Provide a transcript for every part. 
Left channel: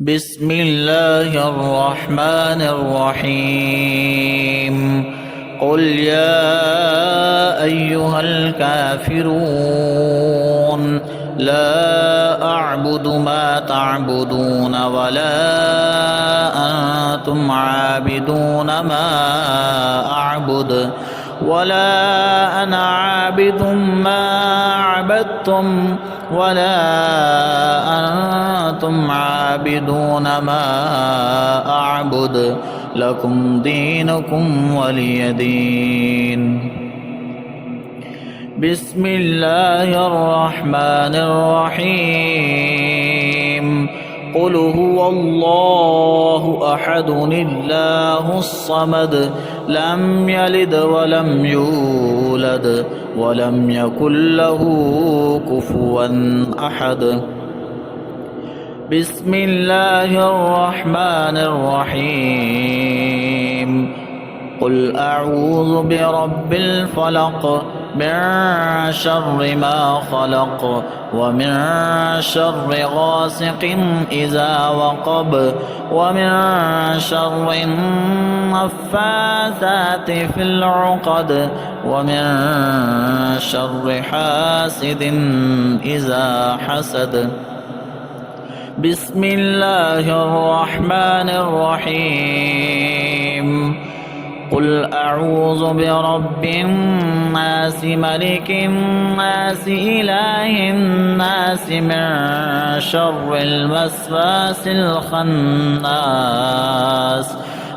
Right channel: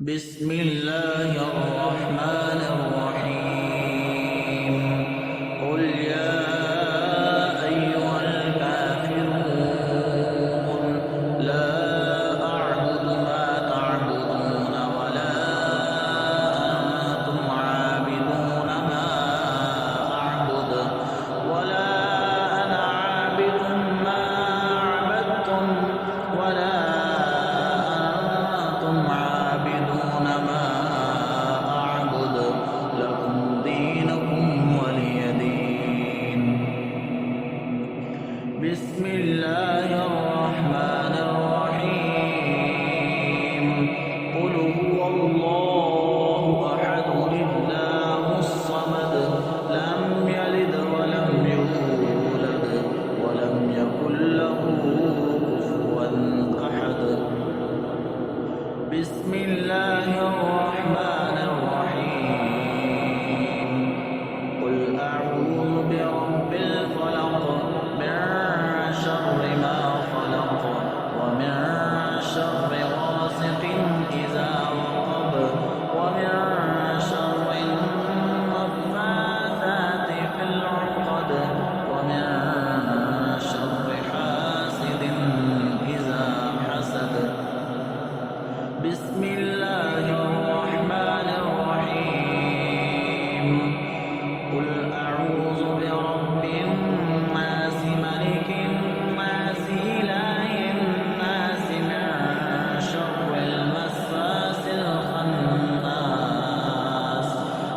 بسم الله الرحمن الرحيم. قل يا أيها الكافرون لا أعبد ما تعبدون ولا أنتم عابدون ما أعبد ولا أنا عابد ما عبدتم ولا أنتم عابدون ما أعبد لكم دينكم ولي دين. بسم الله الرحمن الرحيم. قل هو الله أحد الله الصمد لم يلد ولم يولد ولم يكن له كفوا أحد. بسم الله الرحمن الرحيم. قل أعوذ برب الفلق من شر ما خلق ومن شر غاسق إذا وقب ومن شر النفاثات في العقد ومن شر حاسد إذا حسد. بسم الله الرحمن الرحيم. قل أعوذ برب الناس ملك الناس إله الناس من شر الوسواس الخناس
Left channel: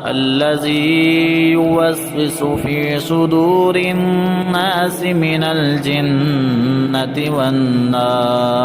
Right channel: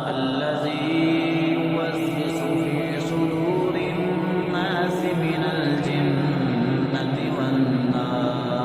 الذي يوسوس في صدور الناس من الجنة والناس.